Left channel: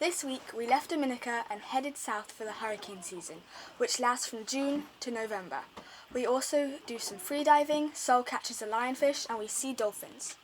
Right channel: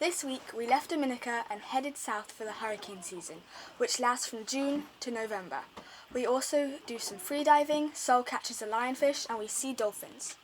This week we left Dominica and headed south for the hurricane season, which lasts from June to November. We also do some freediving, Sol catches a lionfish, and we see dolphins.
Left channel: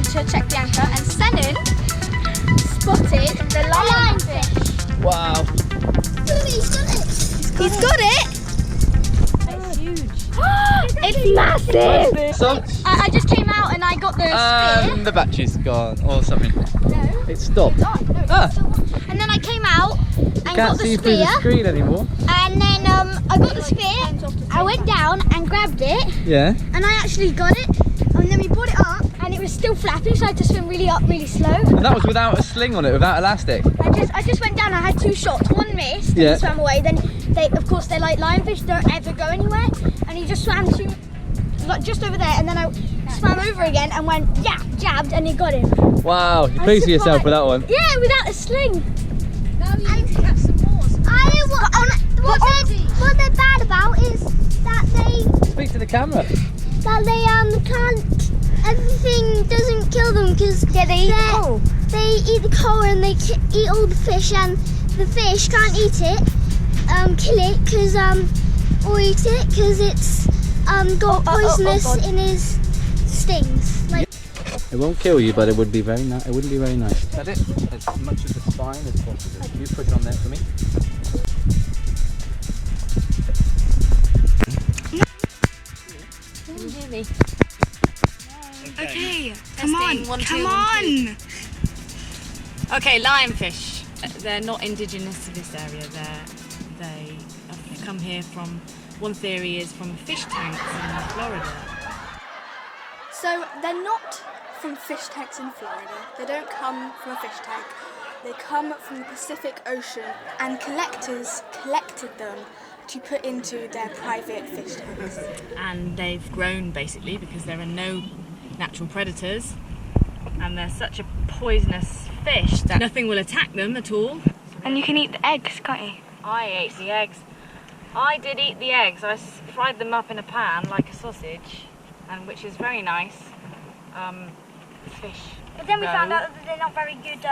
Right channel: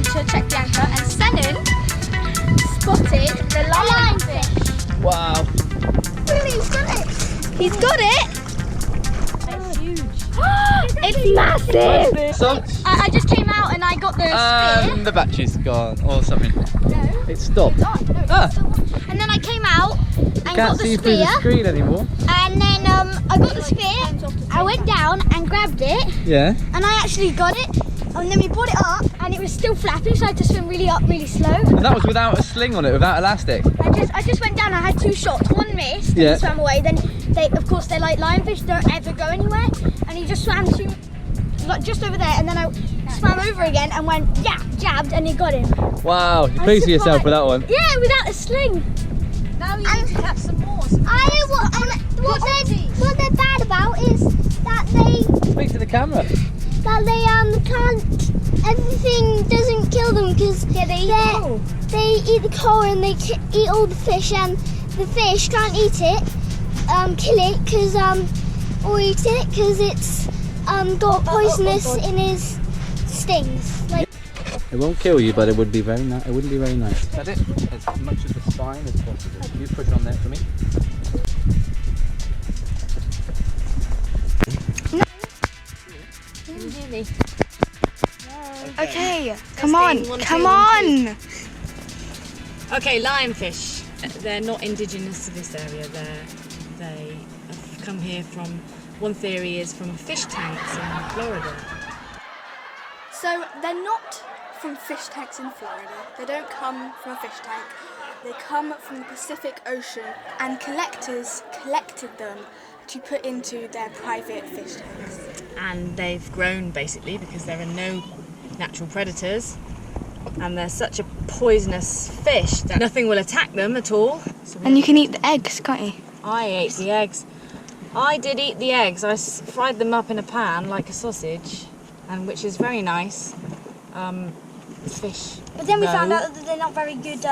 To check the anchor, and Sennen spotted the lionfish. Wow. He's got it! It's huge. It's massive! So, I just came out and I got the spear. the battery's gone or something. No. It stopped. It's on. No, it's still on. And then I came out and got the Can't see through the spear. screen anymore. And then I got the spear, I went down and grabbed it. Yeah. And I actually got it. And then we brought it up and it was still flapping, so I had to swim really slow. And that was without a sling on it, without elastic. I just went down, I had 2 shots, one missed, and he swam away. Then of course they're like lionfish, don't ever go anywhere. And he just swam to like just over there, and then I swam over again and went jabbed, and he got him. Wow, you're pleased with yourself with that one. Yeah, without a sling. Now you need to catch some more. What they're bad about is that they Speak to the camera. can't. Everything doesn't kill them because they eat the coral and they eat all the fish, and the fish can't eat it, kill it because or eat it because it's got poisonous in his stings. Like, It won't kill you, but it would be very nice. It wouldn't be very nice. Is that it? As much of the spine as possible. You push on there for me. Okay, come on. Okay, lionfish. They're not indigenous to this area. They have come here from, one theory is from fish tanks in Florida. So they're not from fish tanks in Florida. They don't come from a fish tank. They come from the Pacific Ocean, and collectors collected them to put into their private fish tanks. And they've grown basically because there are no natural predators, and they're such a poisonous fish that nothing will attack them at all. And you can eat the eggs, can't you? I ate the eggs. I did eat the eggs. I fried them up in a pan like a sausage, and which is very nice. Fish. but then we found out that they're not very good.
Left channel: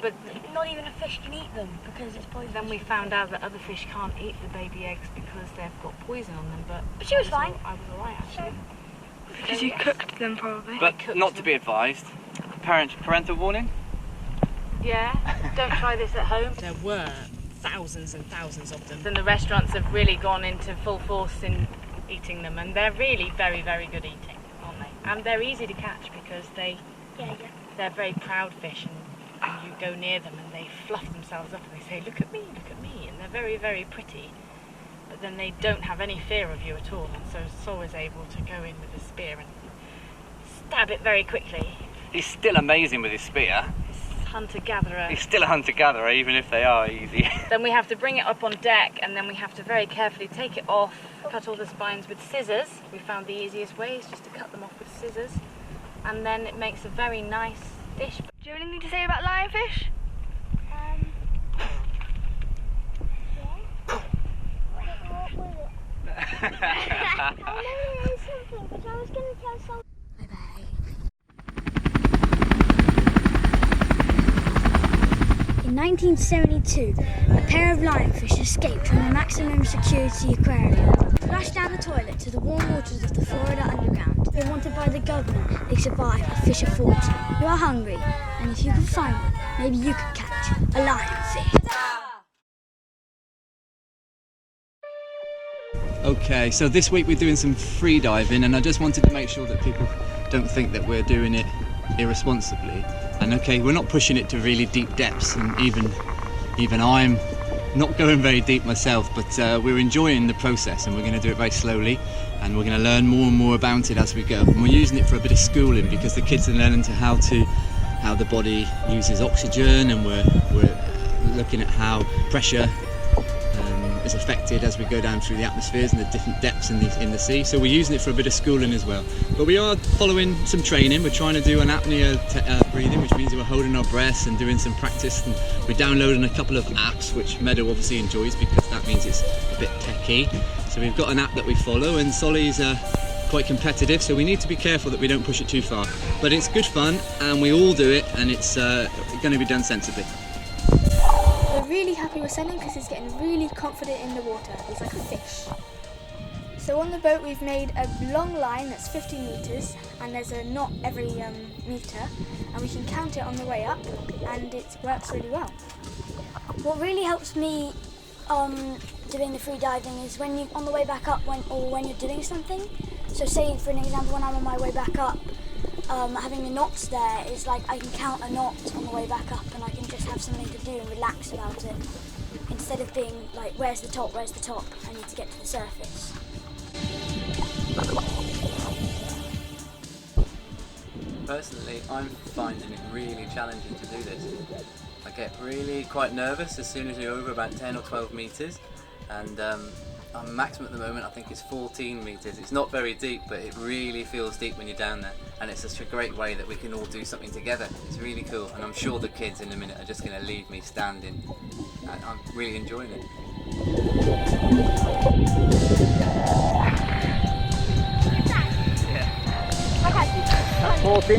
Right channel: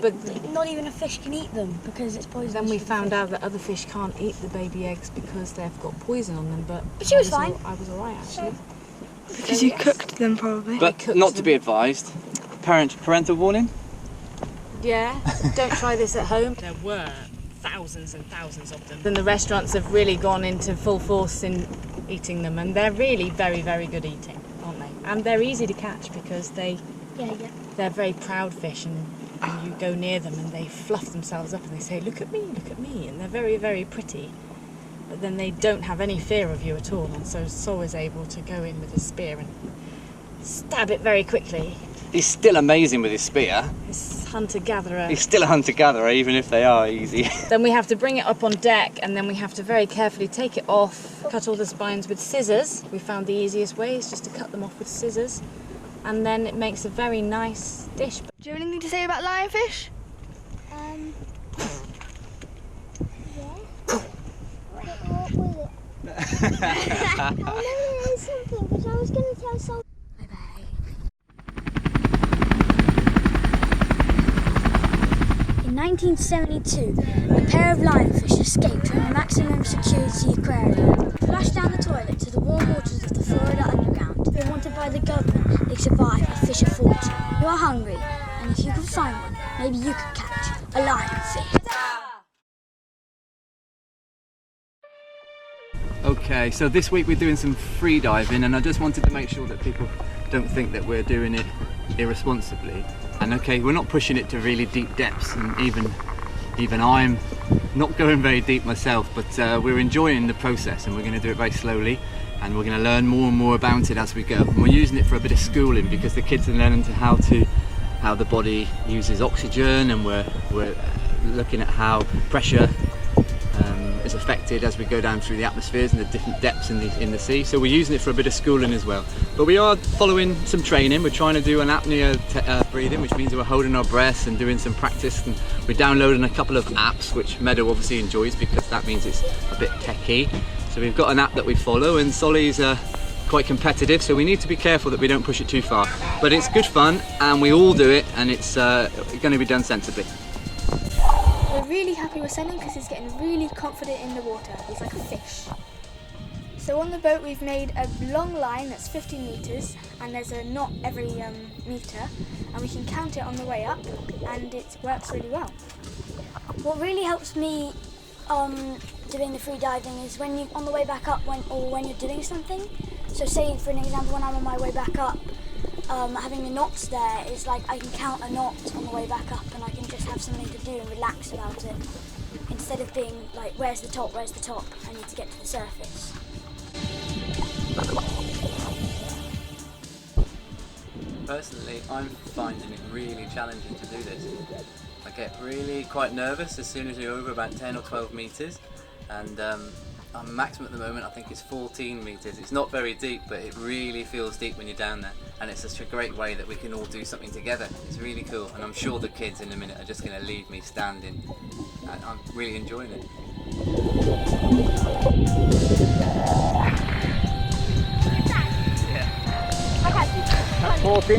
But Not even a fish can eat them because it's poisonous. then we found out that other fish can't eat the baby eggs because they've got poison on them. But she was fine. I was alright actually. Because you cooked them probably. But not to be advised. Parental warning. Yeah, don't try this at home. There were thousands and thousands of them. Then the restaurants have really gone into full force in eating them, and they're really very, very good eating, aren't they? And they're easy to catch because they're very proud fish, and you go near them and they fluff themselves up and they say, look at me, and they're very, very pretty. But then they don't have any fear of you at all, and so Sol is able to go in with his spear and stab it very quickly. He's still amazing with his spear. This hunter-gatherer. He's still a hunter-gatherer, even if they are easy. Then we have to bring it up on deck, and then we have to very carefully take it off, cut all the spines with scissors. We found the easiest way is just to cut them off with scissors, and then it makes a very nice dish. Do you have anything to say about lionfish? What was it? Oh no, there is something, because I was going to tell Sol. In 1972, a pair of lionfish escaped from a maximum security aquarium, flushed down the toilet to the warm waters of the Florida underground. They wanted by the government, they survived a fish of fortune. You are hungry, and if you can find one, maybe you could catch a lionfish. Okay, so this week we're doing some free diving, and I just wanted to make sure that people don't think that we're doing it irresponsibly. And okay, we're not pushing it to really deep depths, and even I'm not going very deep myself, but we're enjoying the process, and we're going to do it very slowly, and we're going to learn more and more about it as we go. And we're using it for a bit of schooling because the kids are learning how the body uses oxygen, and we're looking at how pressure is affected as we go down through the atmospheres and the different depths in the sea. So we're using it for a bit of schooling as well. But we are following some training. We're trying to do an apnea breathing, which means we're holding our breaths and doing some practice. And we're downloading a couple of apps, which Meadow obviously enjoys because that means it's a bit techy. So we've got an app that we follow, and Solly's quite competitive, so we need to be careful that we don't push it too far. But it's good fun, and we all do it, and it's going to be done sensibly. We're really happy with Sennen because he's getting really confident in the water. He's like a fish. So on the boat we've made a long line that's 50 metres, and there's a knot every metre, and we can count it on the way up, and it works really well. What really helps me doing the free diving is when you on the way back up when you're doing something. So say for an example, when I'm on my way back up, having the knots there is like I can count a knot on the way back up, and I can just have something to do and relax about it, instead of being like, where's the top, I need to get to the surface. Personally, I'm finding it really challenging to do this. I get really quite nervous as soon as you're over about 10 or 12 metres, and our maximum at the moment I think is 14 metres. It's not very deep, but it really feels deep when you're down there, and it's such a great way that we can all do something together. It's really cool, and I'm sure the kids in a minute are just going to leave me standing. I'm really enjoying it. That's 14.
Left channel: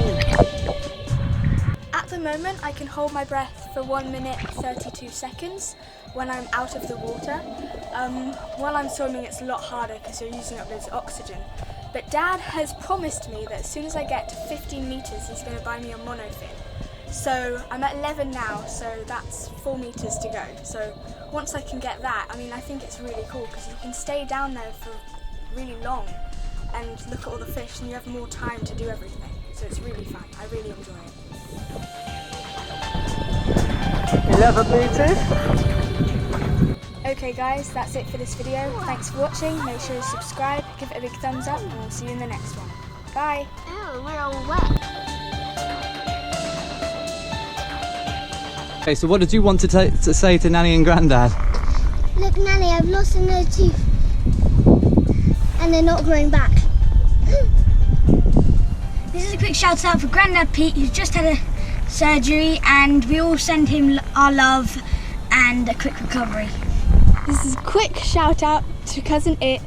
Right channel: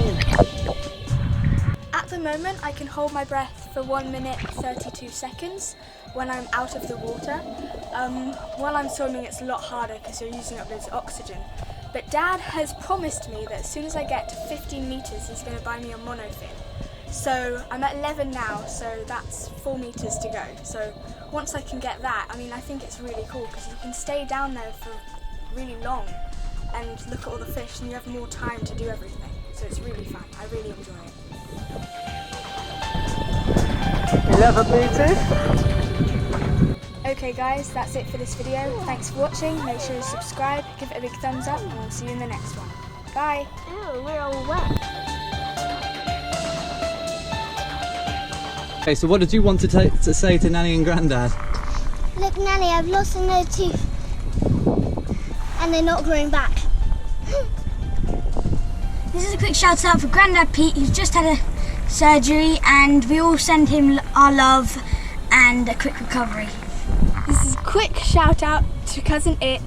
At the moment I can hold my breath for 1 minute 32 seconds when I'm out of the water. While I'm swimming it's a lot harder because you're using up loads of oxygen. But Dad has promised me that as soon as I get to 15 metres he's going to buy me a monofin. So I'm at 11 now, so that's 4 metres to go. So once I can get that, I mean I think it's really cool because you can stay down there for really long and look at all the fish, and you have more time to do everything. So it's really fun. I really enjoy it. 11 metres. Okay guys, that's it for this video. Thanks for watching. Make sure to subscribe, give it a big thumbs up, and we'll see you in the next one. Bye. Oh, we're all wet. Okay, so what did you want to say to Nanny and Grandad? Look, Nanny, I've lost another tooth, and they're not growing back. This is a quick shout out for Grandad Pete, who's just had a surgery, and we all send him our love and a quick recovery. This is a quick shout out to Cousin It.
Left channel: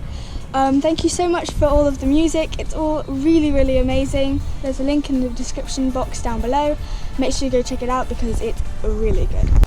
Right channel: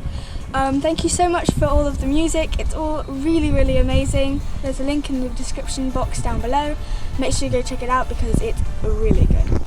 Thank you so much for all of the music. It's all really, really amazing. There's a link in the description box down below. Make sure you go check it out because it's really good.